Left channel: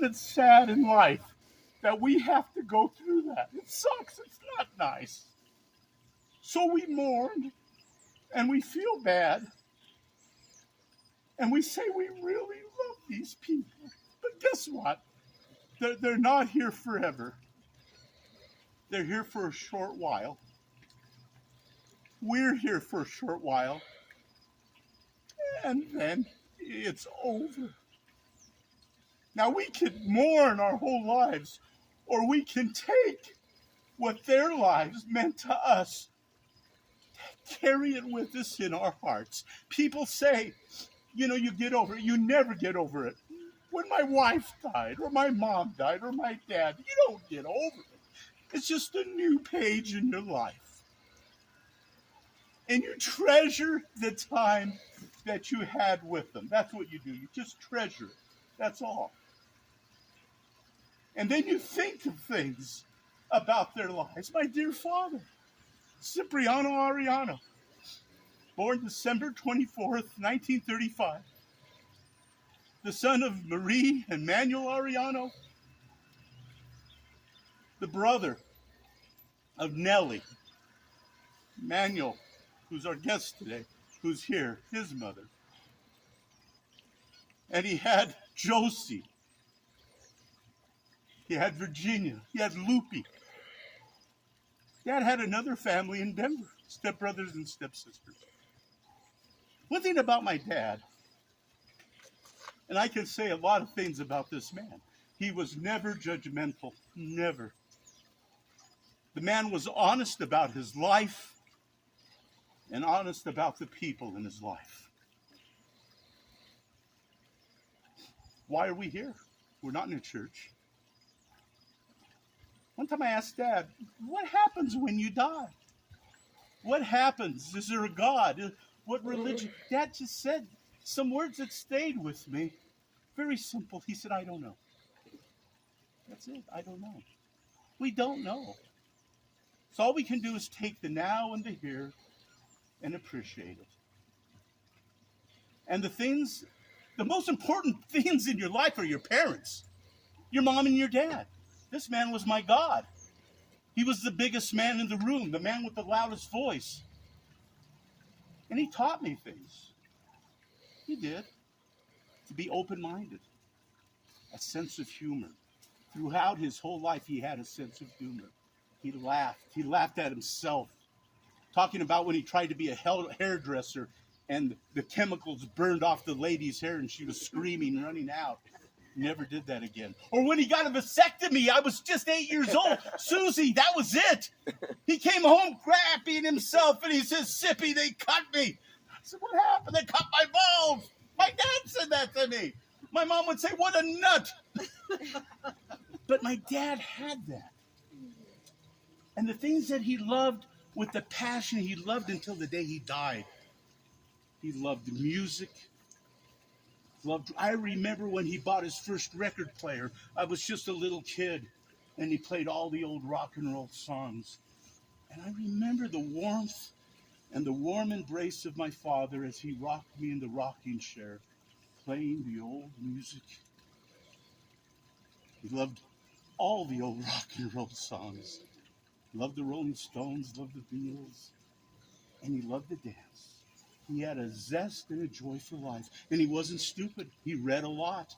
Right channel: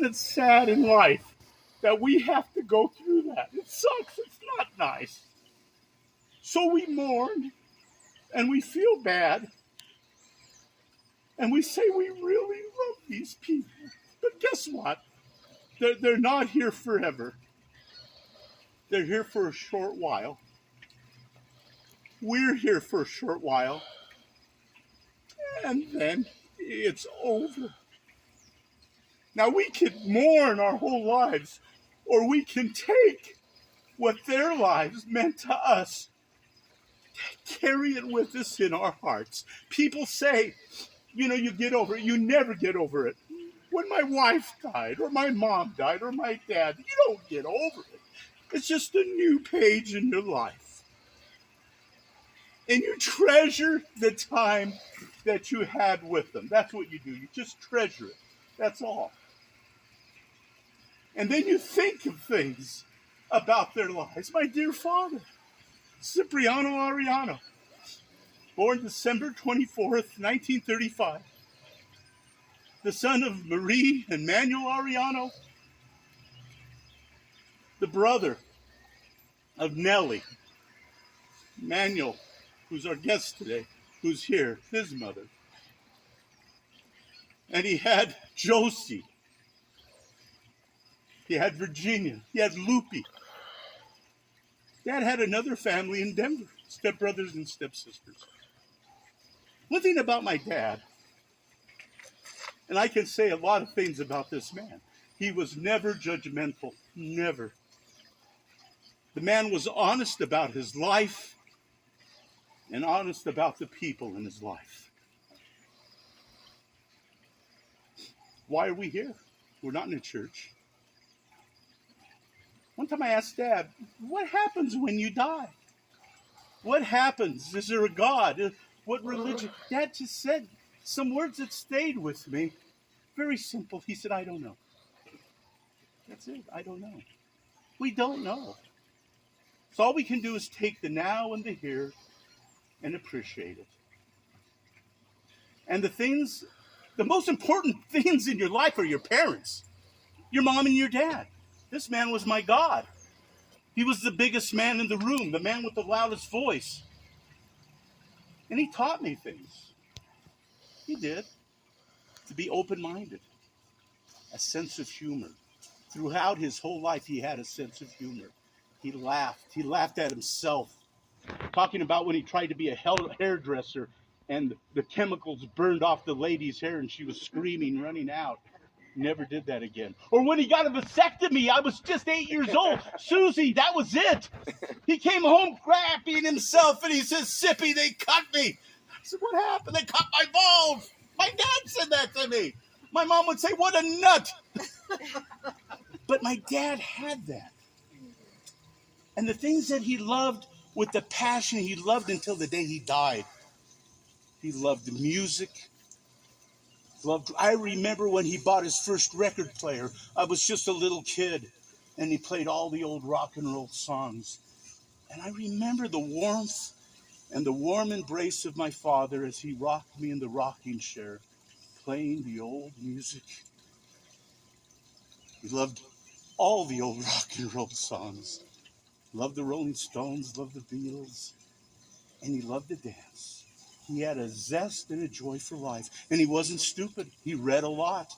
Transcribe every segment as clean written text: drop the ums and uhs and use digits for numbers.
Isn't it sad in life that we have to go through that? It sucks. It's not nice. So we mourn and we feel bad and we say we really love these people. But guess what? They're not here forever. They're here for a short while. We're here for a short while. And then it's over. Now we can mourn our whole lives, or we can take what their lives meant to us, carry it with us in our hearts. People say, you get over it. You never get over it. When my wife died, or my mom died, or my dad, you don't get over it. It's just a new page in your life. And you treasure the time that you had with them. That's what you do. You just treasure it. That's all. And then you think of things about their lives. My dear father, Cipriano Arellano, born December 24th, 1935. The son of Marie and Manuel Arellano, the brother of Nellie. Manuel, who's our guest today, who's here, his mother. And he had Josie. He had Virginia. He had Lupe. Dad had another family in Denver, stepbrothers and stepsisters. One thing about my dad, and I can say a lot of things about this man, he was never judgmental, never. The man was honest about his life and honest about the people in his life. Why are we here? We're not in a church. One time I asked Dad, what happens when you die? What happens? Is there a God? What religion? Dad just said some words that stayed with me. Very simple. He said, I don't know. That's it. I don't know. We don't know. So all we can do is take the now and the here and appreciate it. And the most important things in your life are your parents, your mom and your dad. This man was my God. He was the biggest man in the room, the man with the loudest voice. And he taught me things. He did. To be open-minded, a sense of humor. Throughout his whole life, he had a sense of humor. He laughed. He laughed at himself. Talking about when he tried to be a hairdresser and the chemicals burned off the lady's hair and she was screaming, running out. Never did that again. Or when he got a vasectomy, I was just 8 years old. Susie, that was it. He came home crapping himself and he says, Cippy, they cut me. I said, what happened? They cut my balls. My dad said that to me. My mom would say, what a nut. But my dad had that. And the things that he loved with the passion he loved until the day he died. He loved music. I remember when he bought his first record player. I was just a little kid, and he played all the old rock and roll songs. And I remember the warmth and the warm embrace of my father as he rocked me in the rocking chair, playing the old music. He loved all the old rock and roll songs. Loved the Rolling Stones, loved the Beatles, and he loved to dance. He had a zest and a joy for life, and he wasn't stupid. He read a lot.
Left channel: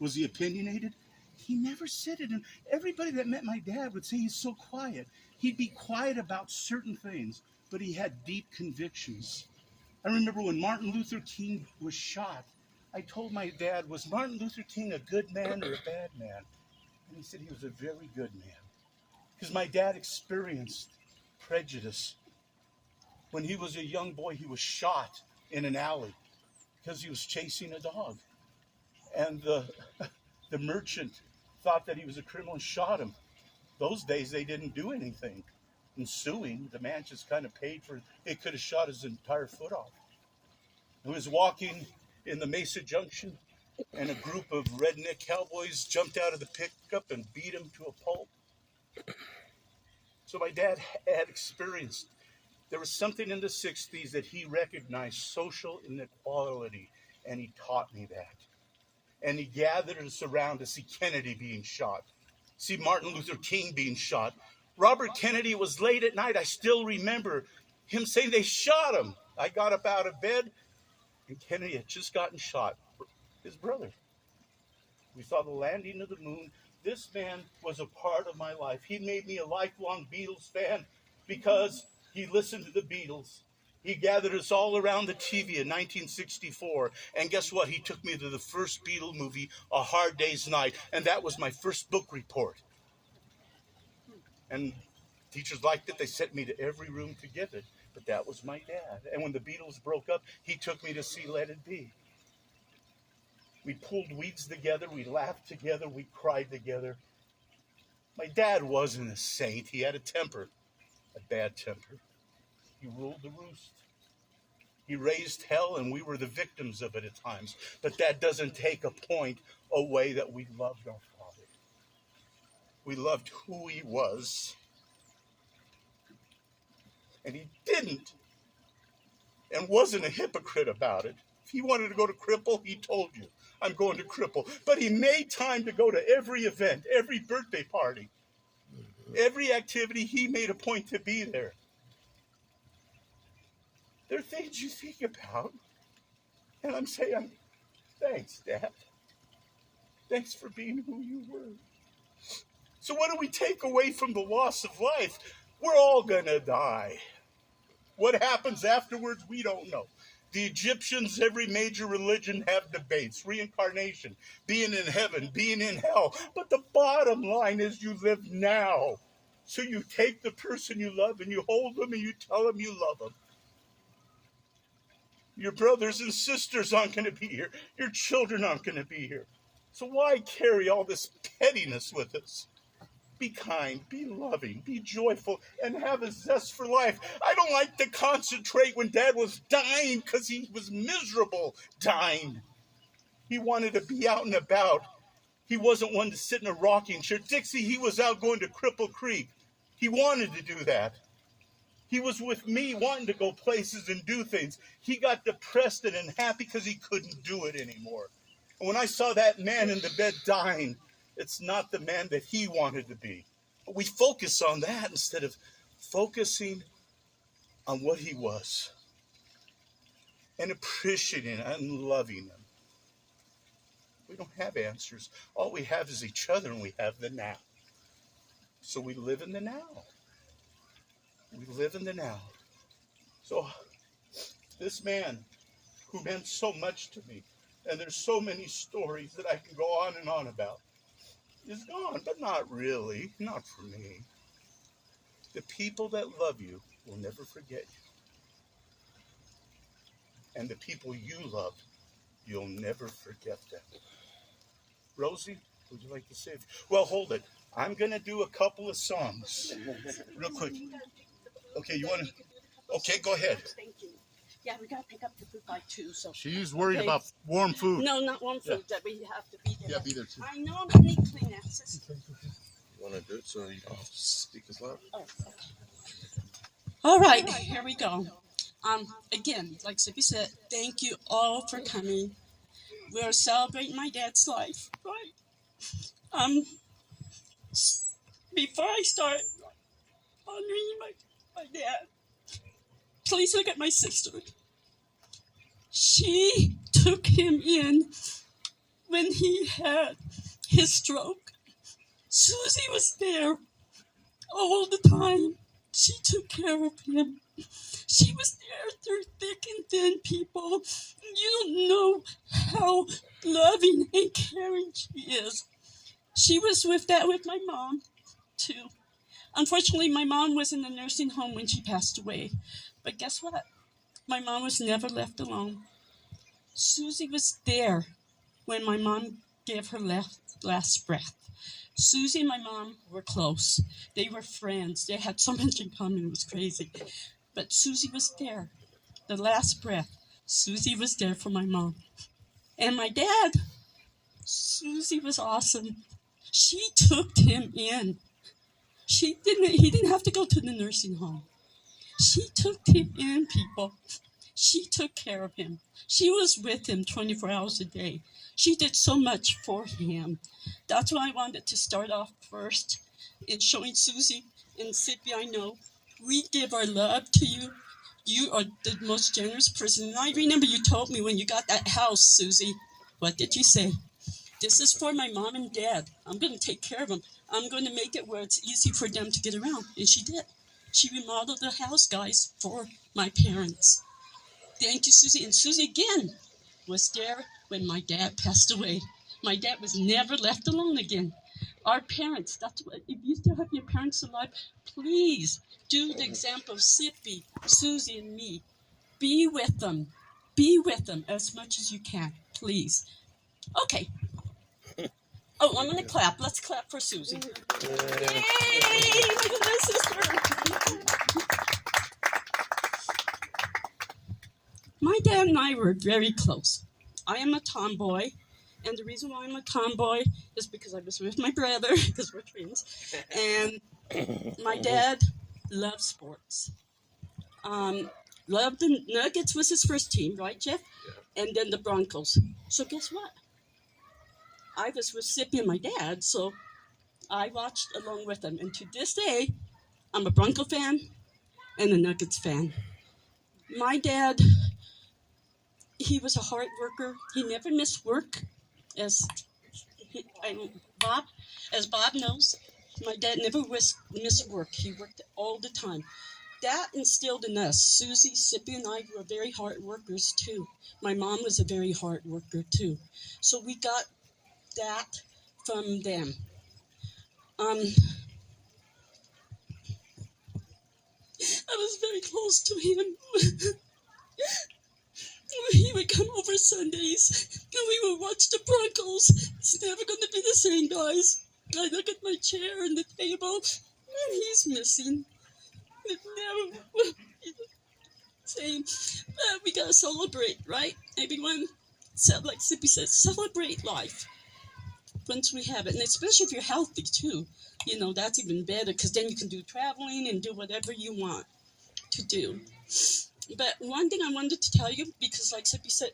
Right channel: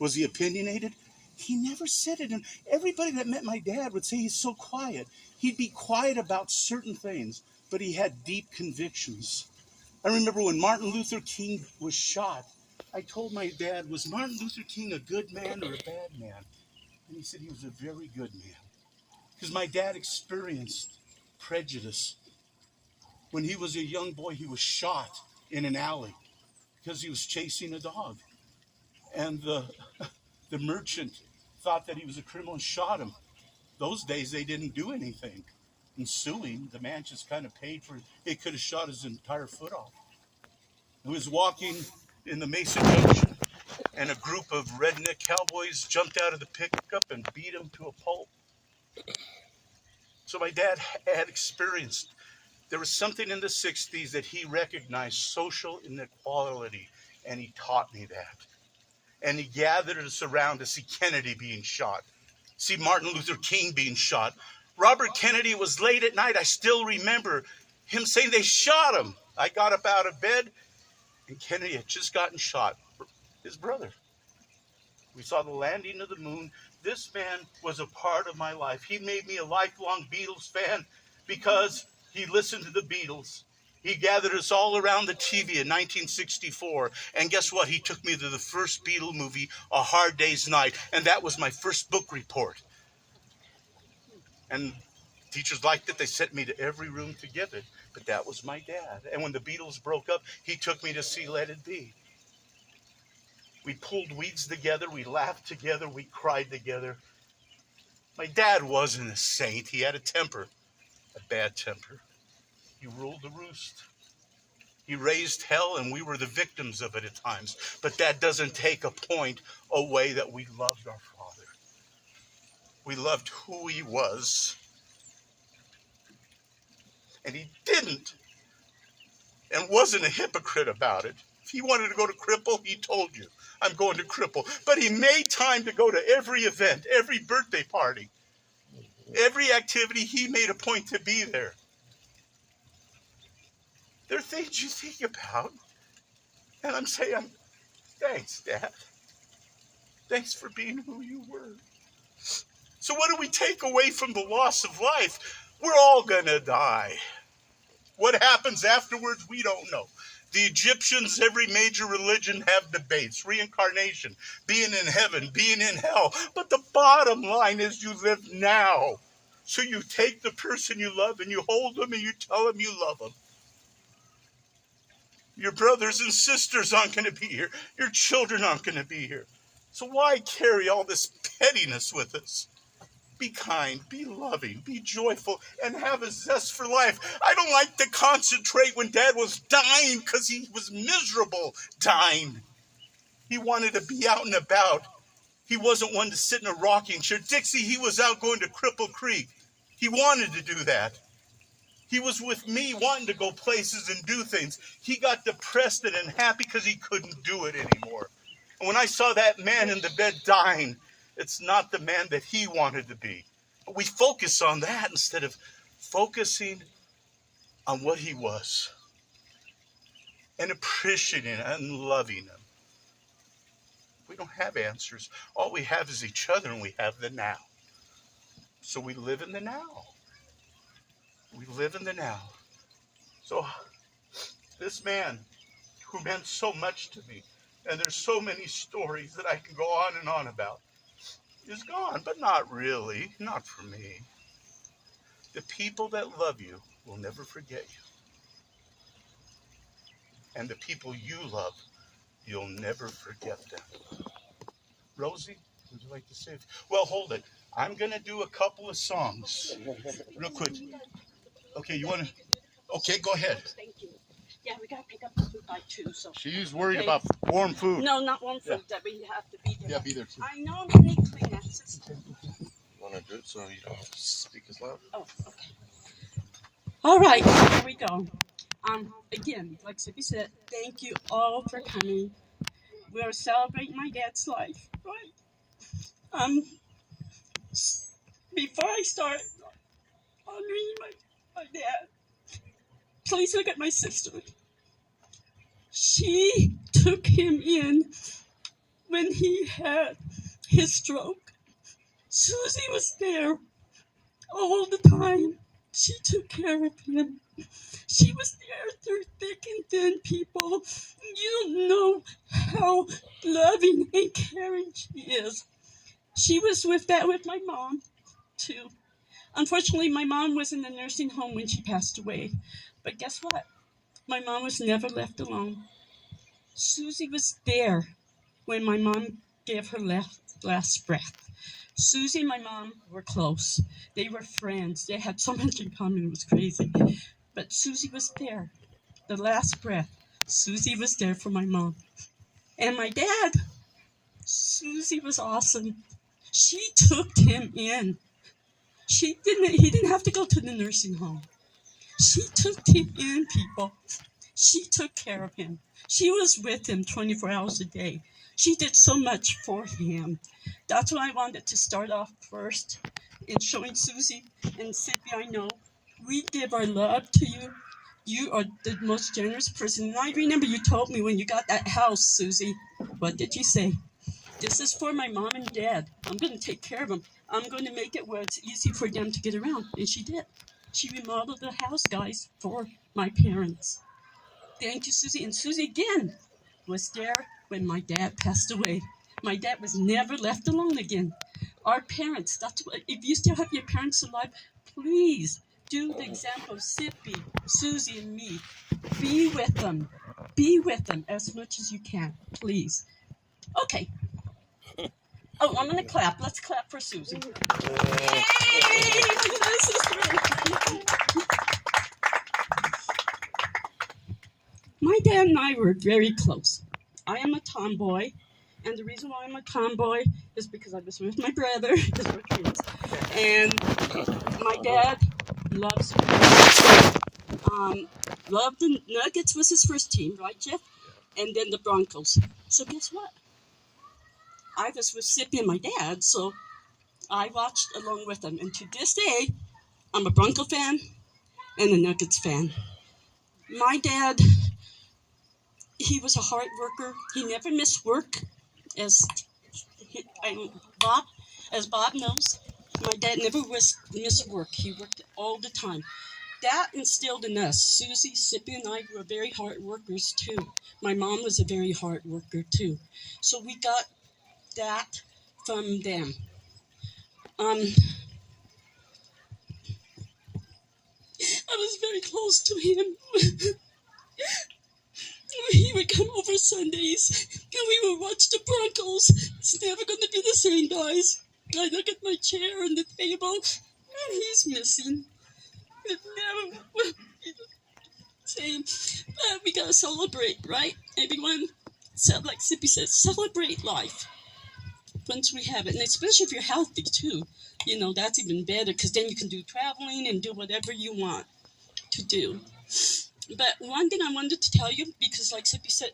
Was he opinionated? He never said it, and everybody that met my dad would say he's so quiet. He'd be quiet about certain things, but he had deep convictions. I remember when Martin Luther King was shot, I told my dad, was Martin Luther King a good man or a bad man? And he said he was a very good man. Because my dad experienced prejudice. When he was a young boy, he was shot in an alley because he was chasing a dog. And the merchant thought that he was a criminal and shot him. Those days, they didn't do anything. In suing, the man just kind of paid for it. It could have shot his entire foot off. He was walking in the Mesa Junction, and a group of redneck cowboys jumped out of the pickup and beat him to a pulp. So my dad had experienced. There was something in the 60s that he recognized, social inequality, and he taught me that. And he gathered us around to see Kennedy being shot, see Martin Luther King being shot. Robert Kennedy was late at night. I still remember him saying they shot him. I got up out of bed, and Kennedy had just gotten shot. His brother. We saw the landing of the moon. This man was a part of my life. He made me a lifelong Beatles fan because he listened to the Beatles. He gathered us all around the TV in 1964. And guess what? He took me to the first Beatle movie, A Hard Day's Night. And that was my first book report. And teachers liked it. They sent me to every room to give it. But that was my dad. And when the Beatles broke up, he took me to see Let It Be. We pulled weeds together. We laughed together. We cried together. My dad wasn't a saint. He had a temper, a bad temper. He ruled the roost. He raised hell, and we were the victims of it at times. But that doesn't take a point away that we loved our Father. We loved who he was. And he didn't and wasn't a hypocrite about it. If he wanted to go to Cripple, he told you, I'm going to Cripple. But he made time to go to every event, every birthday party, every activity. He made a point to be there. There are things you think about, and I'm saying, thanks, Dad. Thanks for being who you were. So what do we take away from the loss of life? We're all gonna die. What happens afterwards, we don't know. The Egyptians, every major religion have debates, reincarnation, being in heaven, being in hell. But the bottom line is you live now. So you take the person you love and you hold them and you tell them you love them. Your brothers and sisters aren't going to be here. Your children aren't going to be here. So why carry all this pettiness with us? Be kind, be loving, be joyful, and have a zest for life. I don't like to concentrate when Dad was dying because he was miserable dying. He wanted to be out and about. He wasn't one to sit in a rocking chair. Dixie, he was out going to Cripple Creek. He wanted to do that. He was with me wanting to go places and do things. He got depressed and unhappy because he couldn't do it anymore. And when I saw that man in the bed dying, it's not the man that he wanted to be. But we focus on that instead of focusing on what he was and appreciating and loving him. We don't have answers. All we have is each other, and we have the now. So we live in the now. We live in the now. So this man who meant so much to me, and there's so many stories that I can go on and on about, is gone, but not really, not for me. The people that love you will never forget you. And the people you love, you'll never forget them. Rosie, would you like to say? Well, hold it. I'm going to do a couple of songs real quick. Okay, you want to? Okay, go ahead. Thank you. Yeah, we got to pick up the food by 2. So She's worried about warm food. No, not warm food. That we have to be there. Yeah, be there too. I know I'm going to need Kleenexes. You want to do it so you don't speak as loud? Oh, okay. All right, here we go. Again, like Cippy said, thank you all for coming. We are celebrating my dad's life, right? Before I start honoring my dad, please look at my sister. She took him in when he had his stroke. Susie was there all the time. She took care of him. She was there through thick and thin, people. You don't know how loving and caring she is. She was with my mom, too. Unfortunately, my mom was in the nursing home when she passed away. But guess what? My mom was never left alone. Susie was there when my mom gave her last breath. Susie and my mom were close. They were friends. They had so much in common. It was crazy. But Susie was there. The last breath, Susie was there for my mom. And my dad, Susie was awesome. She took him in. He didn't have to go to the nursing home. She took him in, people. She took care of him. She was with him 24 hours a day. She did so much for him. That's why I wanted to start off first in showing Susie and Cippy, I know, we give our love to you. You are the most generous person. And I remember you told me when you got that house, Susie, what did you say? This is for my mom and dad. I'm going to take care of them. I'm going to make it where it's easy for them to get around. And she did. She remodeled the house, guys, for my parents. Thank you, Susie. And Susie, again, was there when my dad passed away. My dad was never left alone again. Our parents, that's what, if you still have your parents alive, please do the example of Cippy, Susie, and me. Be with them. Be with them as much as you can, please. Okay. Oh, I'm going to clap. Let's clap for Susie. Yay! Look at my sister. My dad and I were very close. I am a tomboy, and the reason why I'm a tomboy is because I was with my brother, because we're twins, and my dad loves sports. Loved the Nuggets was his first team, right, Jeff? And then the Broncos. So guess what? I was with Cippy and my dad, so I watched along with them. And to this day, I'm a Bronco fan and a Nuggets fan. My dad, he was a hard worker. He never missed work, as Bob knows. My dad never missed work. He worked all the time. That instilled in us. Susie, Cippy, and I were very hard workers too. My mom was a very hard worker too. So we got that from them. I was very close to him. He would come over Sundays and we would watch the Broncos. It's never going to be the same, guys. I look at my chair and the table and he's missing. It never will be the same. But we got to celebrate, right? Everyone, like Cippy says, celebrate life once we have it. And especially if you're healthy too. You know, that's even better because then you can do traveling and do whatever you want to do. But one thing I wanted to tell you, because like Cippy said,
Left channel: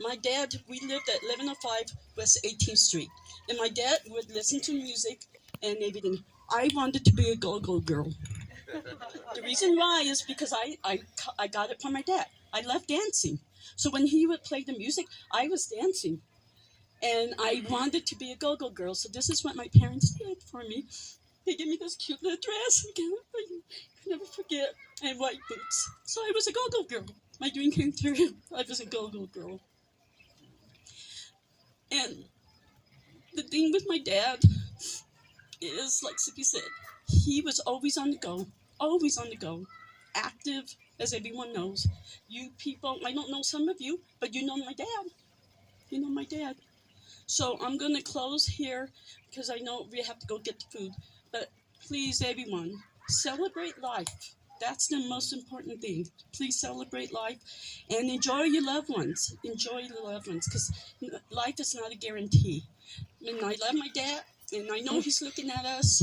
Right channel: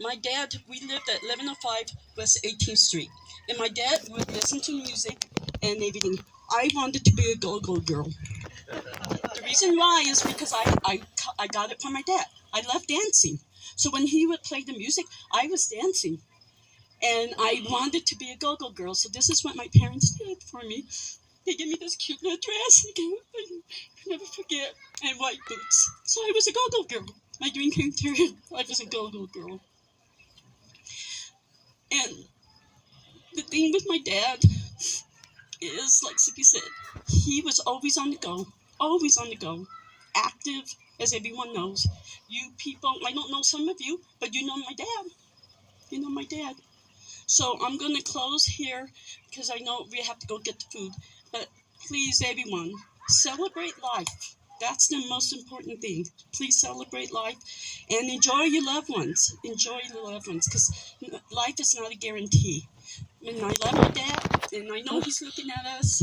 my dad, we lived at 1105 West 18th Street. And my dad would listen to music and everything. I wanted to be a go-go girl. The reason why is because I got it from my dad. I love dancing. So when he would play the music, I was dancing. And I wanted to be a go-go girl. So this is what my parents did for me. They gave me this cute little dress. I can never forget. And white boots. So I was a go-go girl. My dream came true. I was a go-go girl. And the thing with my dad is, like Cippy said, he was always on the go. Always on the go. Active, as everyone knows. You people, I don't know some of you, but you know my dad. You know my dad. So I'm going to close here because I know we have to go get the food. But please, everyone, celebrate life. That's the most important thing. Please celebrate life and enjoy your loved ones. Enjoy your loved ones because life is not a guarantee. And I love my dad, and I know he's looking at us.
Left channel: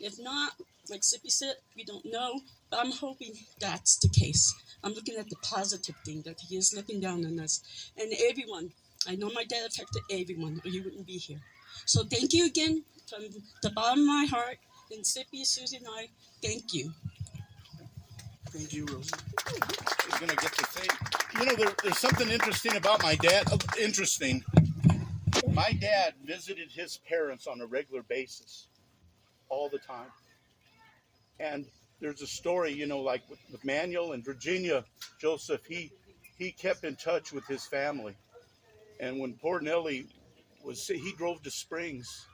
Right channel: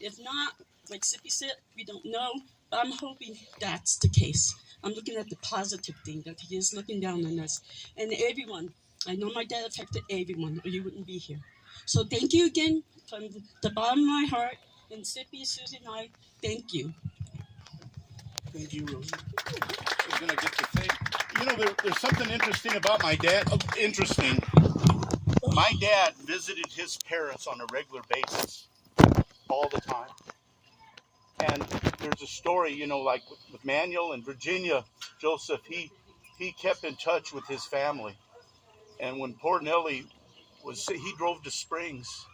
If not, like Cippy said, we don't know. But I'm hoping that's the case. I'm looking at the positive thing, that he is looking down on us. And everyone, I know my dad affected everyone, or you wouldn't be here. So thank you again from the bottom of my heart. And Cippy, Susie, and I, thank you. Thank you, Rosie. I'm going to get to think. You know, there's something interesting about my dad. Oh, interesting. My dad visited his parents on a regular basis all the time. And there's a story, you know, like with Manuel and Virginia Joseph, he kept in touch with his family. And when poor Nellie he drove to Springs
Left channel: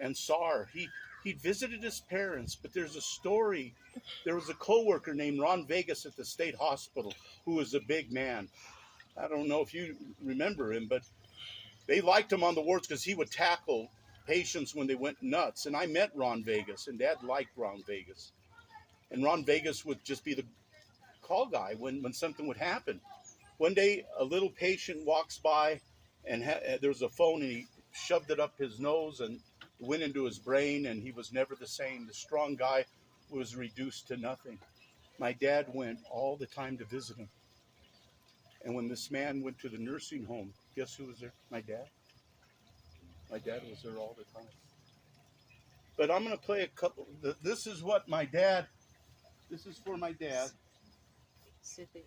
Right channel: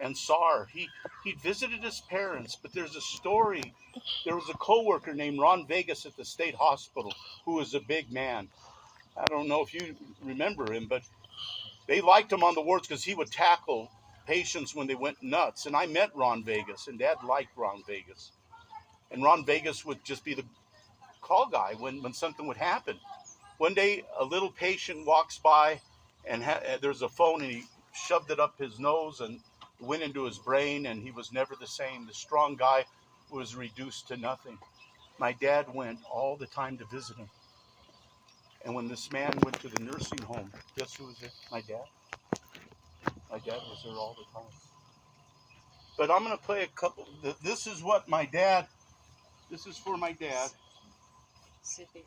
and saw her. He visited his parents, but there's a story. There was a coworker named Ron Vegas at the state hospital who was a big man. I don't know if you remember him, but they liked him on the wards because he would tackle patients when they went nuts. And I met Ron Vegas, and Dad liked Ron Vegas. And Ron Vegas would just be the call guy when something would happen. One day, a little patient walks by, and there's a phone, and he shoved it up his nose and went into his brain, and he was never the same. The strong guy was reduced to nothing. My dad went all the time to visit him. And when this man went to the nursing home, guess who was there? My dad. My dad was there all the time. But I'm going to play a couple. This is what my dad, this is for my dad. Cippy.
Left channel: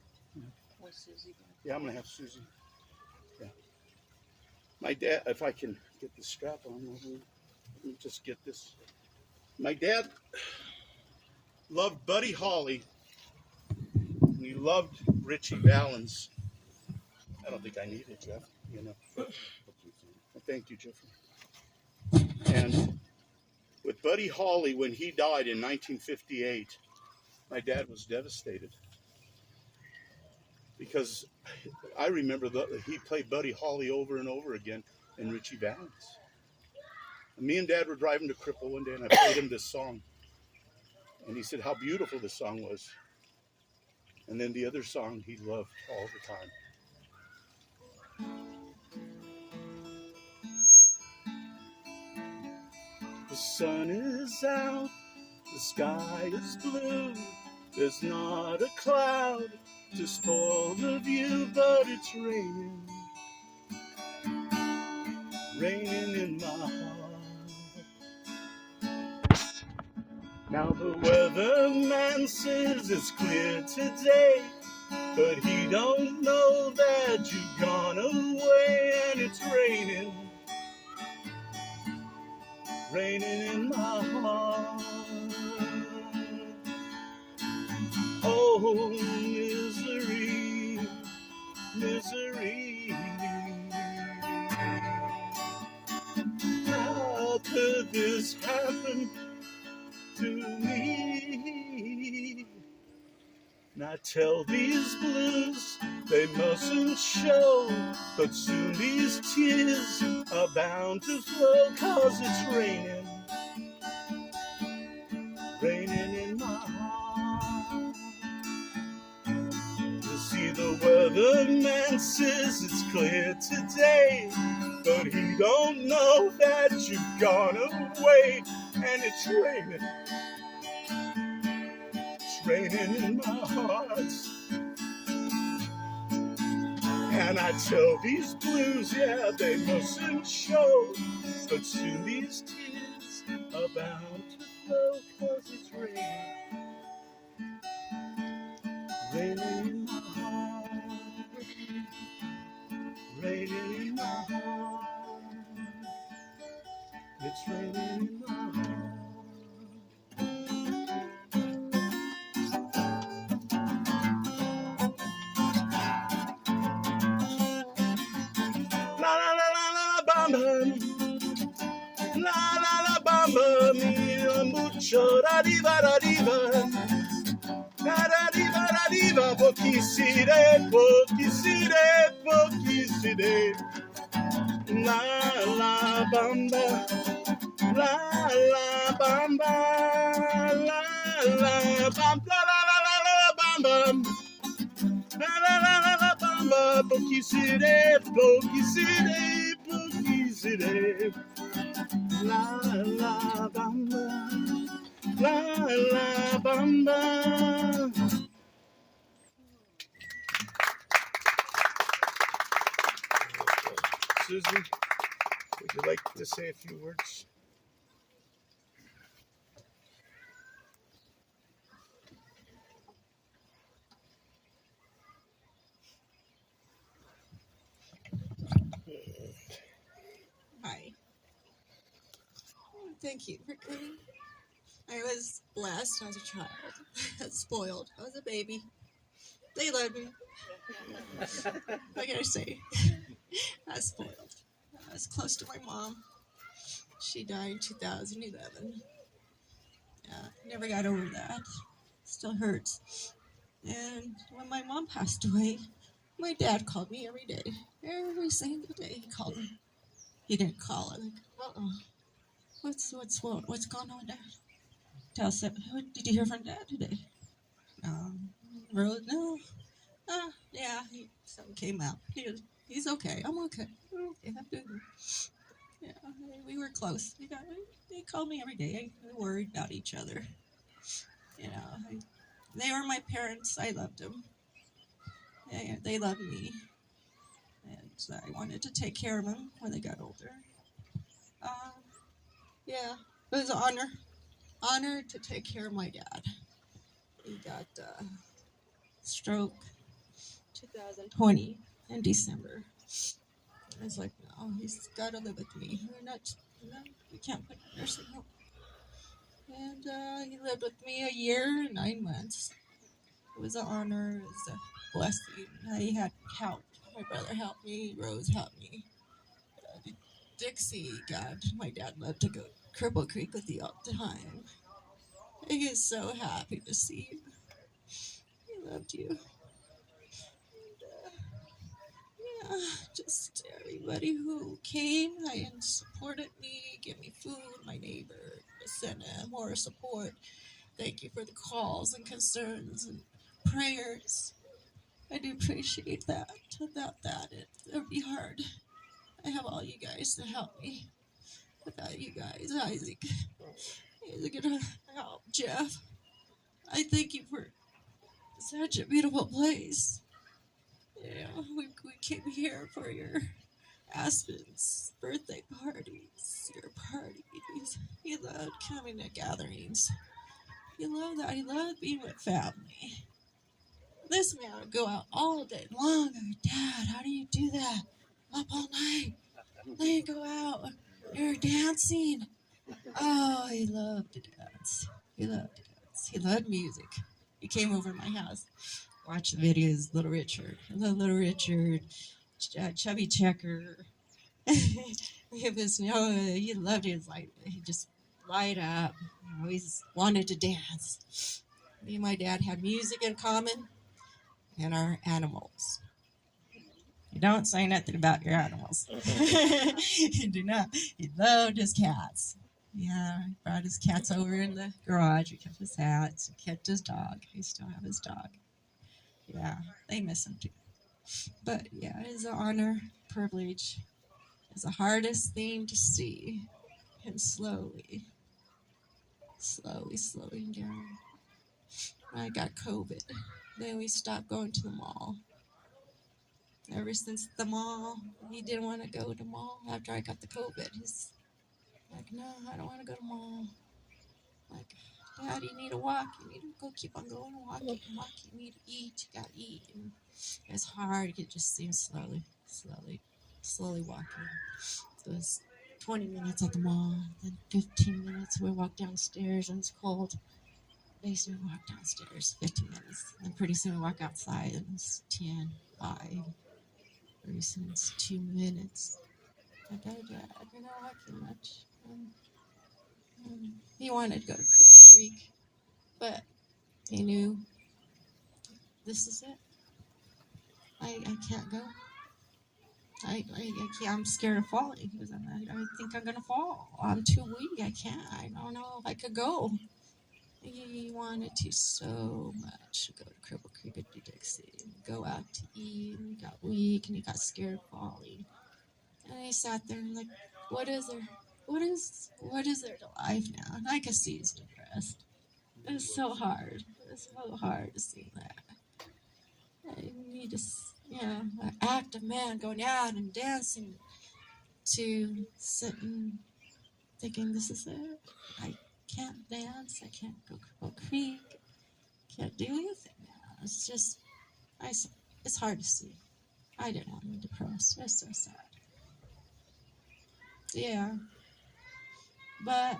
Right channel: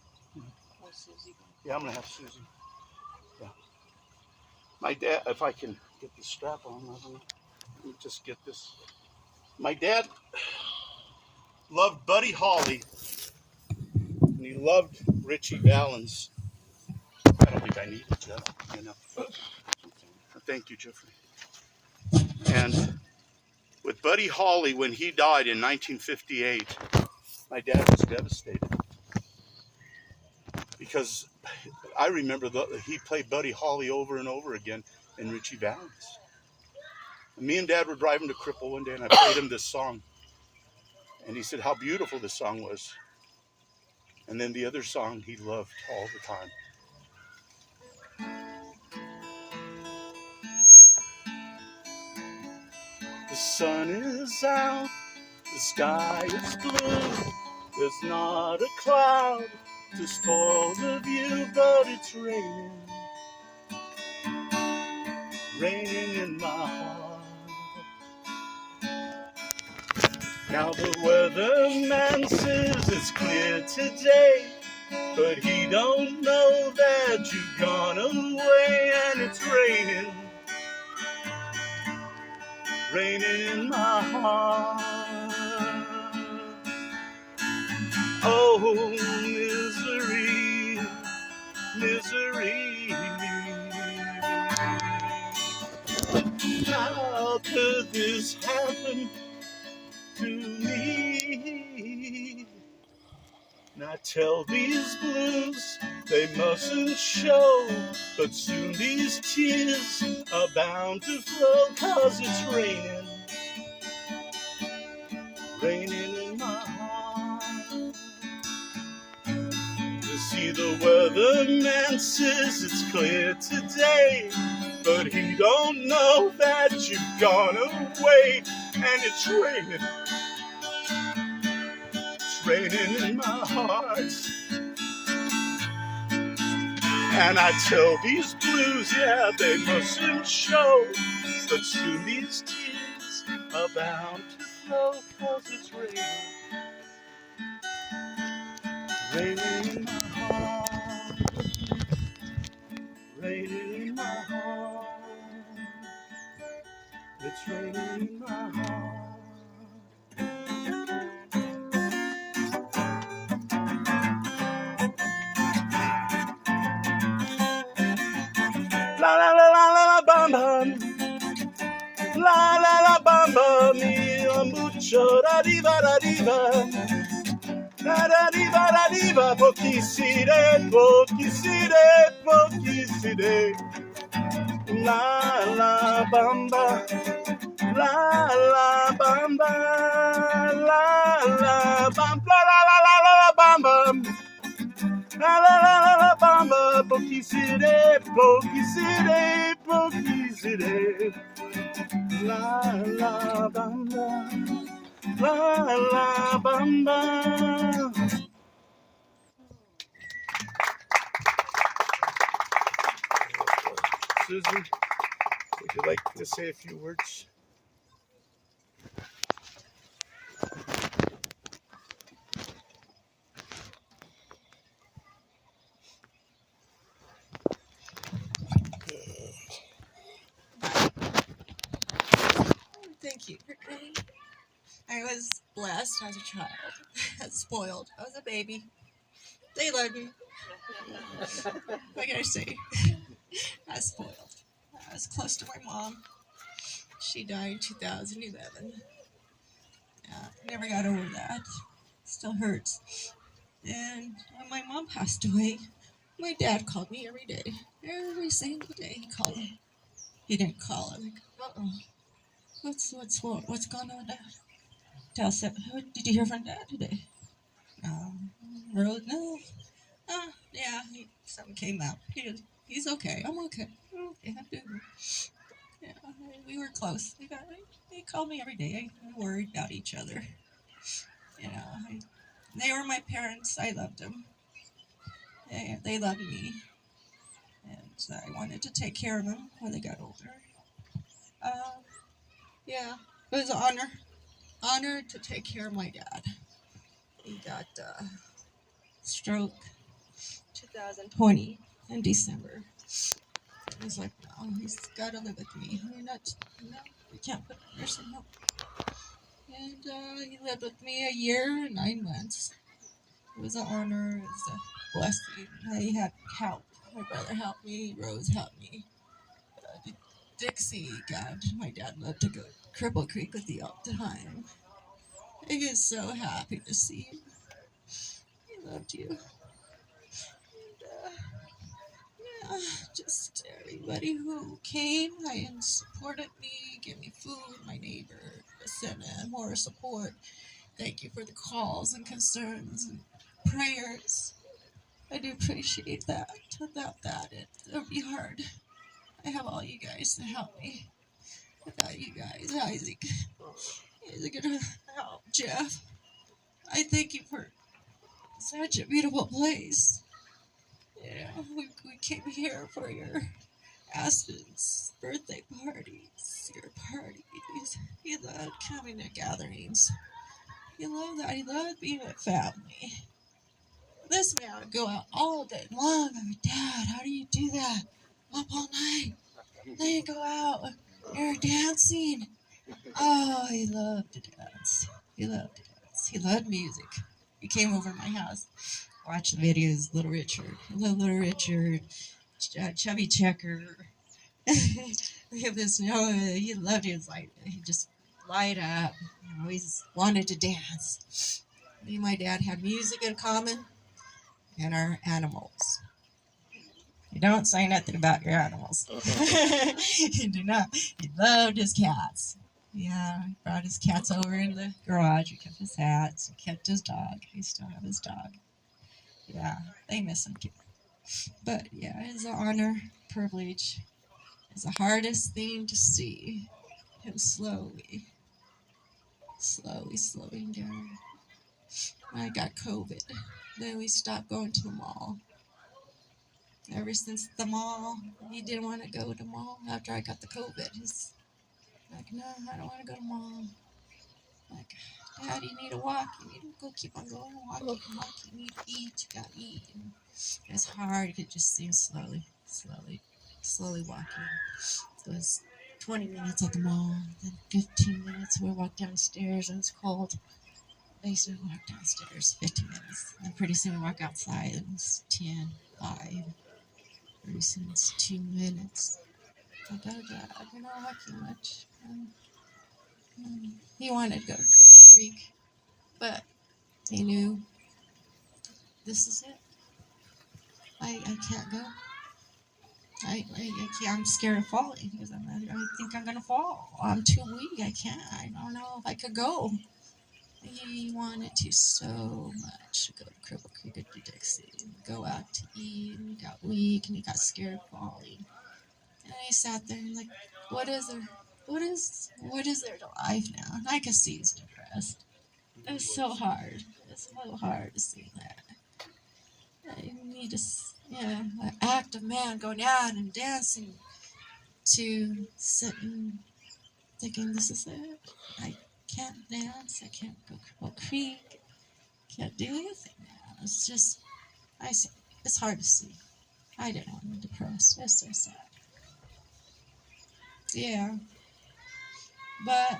Or Susie. Yeah, I'm going to have Susie. Yeah. My dad, if I can get the strap on, I don't know. Let me just get this. My dad loved Buddy Holly, and he loved Richie Valens. I don't think I need it, Jeff. You know. Thank you, Jeffrey. And with Buddy Holly, when he died in 1958, my dad was devastated. Because I remember he played Buddy Holly over and over again in Richie Valens. And me and Dad were driving to Cripple one day, and I played him this song. And he said how beautiful this song was. And then the other song he loved all the time. The sun is out, the sky is blue. There's not a cloud to spoil the view, but it's raining. Raining in my heart. Now the weatherman says it's clear today, but he don't know that you've gone away, and it's raining. Raining in my heart. Oh, misery, misery. How could this happen to me? Now tell these blues they mustn't show, but soon these tears are bound to flow, 'cause it's raining, raining in my heart. You see, the weatherman says it's clear today, but he don't know that you've gone away, and it's raining. It's raining in my heart. And I tell these blues, yeah, they mustn't show, but soon these tears are bound to flow, 'cause it's raining. Raining in my heart. Raining in my heart. It's raining in my heart. La la la la la la bam bam. La la la bam bam. Mira mucho da diva da diva. Da diva da diva. Pochisside, pochisside, pochisside. La la bamba. La la bamba. La la bam. La la la la la bam bam. La la la la la bamba, pochisside, pochisside, pochisside. La la bamba, la la bamba. Susan, would you like to say a few words? Thank you for coming. I was blessed as a child, spoiled. I was a baby. They loved me. What can I say? I was spoiled. I was close to my mom. She died in 2011. Never got over that. Still hurts. And when my mom passed away, my dad called me every day. Every single day he called me. He didn't call. I'm like, uh-oh. What's going on, Dad? Dad said, did you hear from Dad today? No. Yeah, something came out. He's okay. I'm okay. Okay, I'm doing. Yeah, we were close. They called me every day. We worried about each other. You know, they were my parents. I loved them. They loved me, and I wanted to take care of them when they got older. Yeah, it was an honor to take care of my dad. He got stroke 2020 in December. I was like, no, he's got to live with me. We can't put him in nursing home. And he lived with me a year and 9 months. It was an honor. It was a blessing. I had help. My brother helped me. Rose helped me. Dixie, God, my dad loved to go to Cripple Creek with you all the time. He was so happy to see you. He loved you. And, just everybody who came and supported me, gave me food, my neighbor, sent more support. Thank you for the calls and concerns and prayers. I do appreciate that. Without that, it would be hard. I have all you guys to help me. Without you guys, Isaac gonna help Jeff. I thank you for such a beautiful place. Yeah, we came here for your Aspen's birthday parties, your parties. He loved coming to gatherings. He loved that. He loved being with family. This man would go out all day long. I'm like, Dad, how do you do that? Up all night. Then you go out. You're dancing. Oh, he loved to dance. He loved to dance. He loved music. He came over to my house, watched the videos. Little Richard. I love Little Richard. Chubby Checker. We have this. He loved it. Like he just light up. Always wanted to dance. Me and my dad had music in common, and our animals. You don't say nothing about your animals. You do not. He loved his cats. Yeah, he brought his cats over in the garage. He kept his hats. He kept his dog. He still have his dog. Yeah, they miss him too. But yeah, it's an honor, privilege. It's the hardest thing to see him slowing down. I got COVID. Then we stopped going to the mall. Ever since the mall, he didn't want to go to the mall after I got the COVID. He's like, no, I don't want to go to the mall. I'm like, Dad, you need to walk. You need to go keep on going and walking. You need to eat. You got to eat. And it's hard. You could just see him slowly walking. So it was 20 minutes at the mall, then 15 minutes. We walked downstairs and it's cold. They used to walk downstairs 15 minutes. And pretty soon we walk outside and it's 10, 5. Pretty soon it's 2 minutes. Like, oh, Dad, you're not walking much. He wanted to go to Cripple Creek, but he knew this is it. I can't go. I can't. I'm scared of falling because I think I'm gonna fall. I'm too weak. I can't. I don't know if I could go. He wanted to so much to go to Cripple Creek and Dixie and go out to eat, and he got weak and he got scared of falling. And he sat there and like, what is there? What is there to life now? And I could see he's depressed. It's so hard. It's so hard to see that. He just, an active man going out and dancing to sitting thinking this is it. I can't dance. I can't go Cripple Creek. Can't do anything now. It's just, it's hard to see. I didn't want him depressed. It's so sad. Yeah. But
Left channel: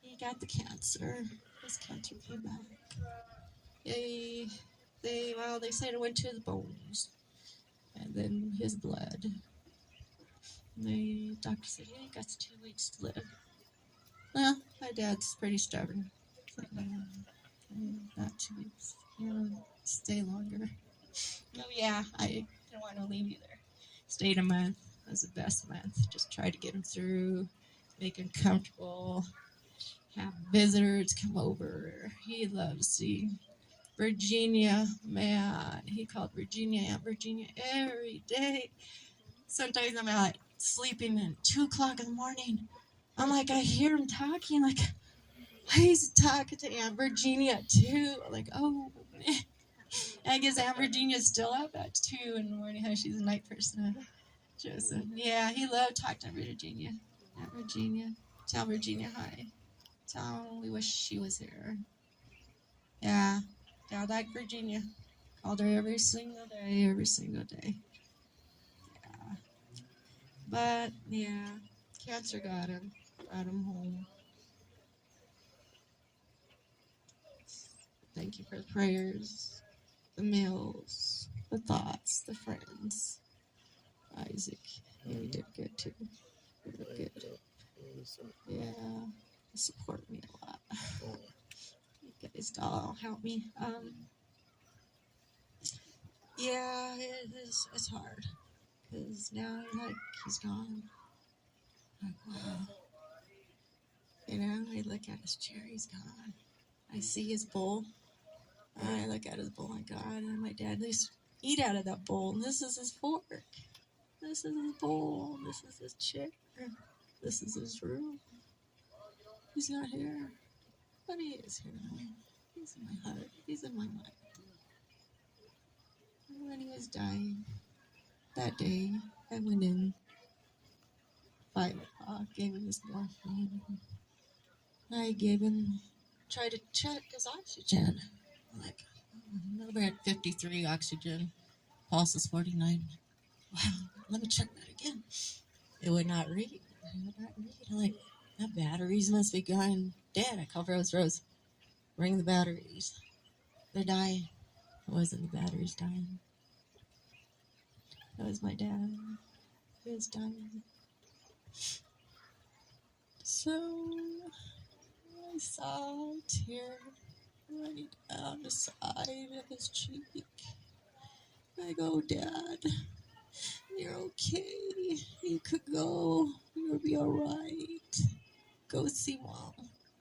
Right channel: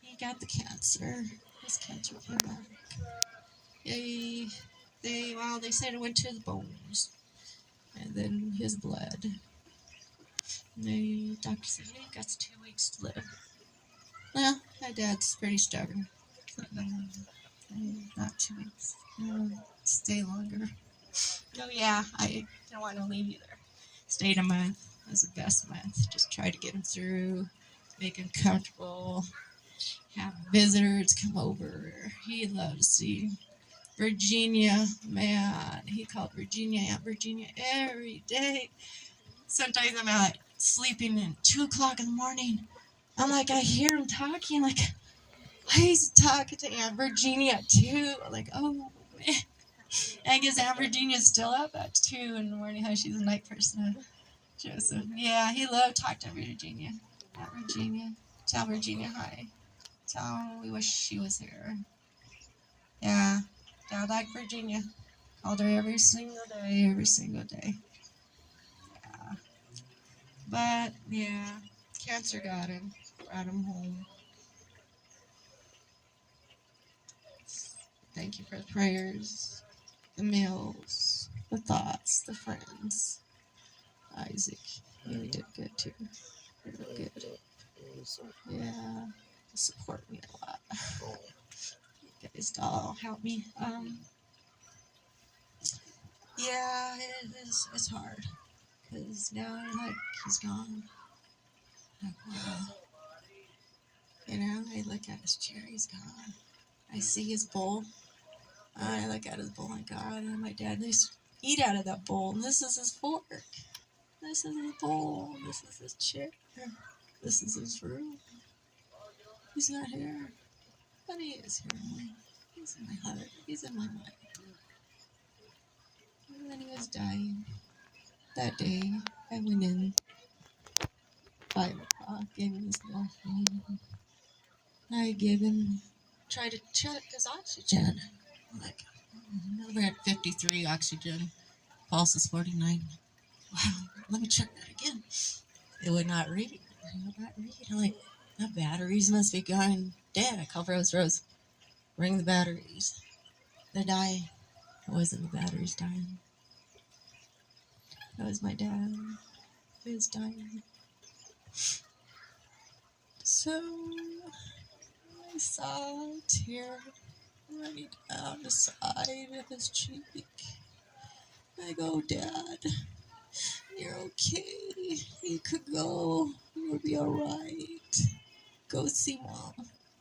he got the cancer. His cancer came back. They said it went to the bones. And then his blood. The doctor said, he got 2 weeks to live. Well, my dad's pretty stubborn. Not 2 weeks. Stay longer. Oh yeah, I didn't want to leave either. Stayed a month. It was the best month. Just tried to get him through, make him comfortable, have visitors come over. He loved to see Virginia. Man, he called Virginia Aunt Virginia every day. Sometimes I'm out sleeping at 2 o'clock in the morning. I'm like, I hear him talking. Like, why is he talking to Aunt Virginia too? I'm like, oh man. I guess Aunt Virginia's still up at 2 in the morning. How she's a night person. Joseph. Yeah, he loved talk to Virginia. Aunt Virginia. Tell Virginia hi. Tell her we wish she was here. Yeah. Dad liked Virginia. Called her every single day, every single day. Yeah. But, yeah. Cancer got him. Brought him home. Thank you for the prayers, the meals, the thoughts, the friends. Isaac, you did good too. You did good. Yeah, you support me a lot. You guys all help me. Yeah, it's hard. Because now he's gone. Like, wow. You know, I look at his chair, he's gone. I see his bowl. I look at his bowl, my God, and my dad used to eat out of that bowl. And this is his fork. This is his bowl. This is his chair. This is his room. He's not here. But he is here. He's in my heart. He's in my mind. And when he was dying, that day, I went in 5 o'clock, gave him his morphine. I gave him, tried to check his oxygen. I'm like, we're at 53 oxygen. Pulse is 49. Wow, let me check that again. It would not read. It would not read. I'm like, the batteries must be going dead. I called Rose. Ring the batteries. They're dying. It wasn't the batteries dying. That was my dad. He was dying. So I saw a tear running down the side of his cheek. I go, Dad, you're okay. You could go. You'll be all right. Go see Mom.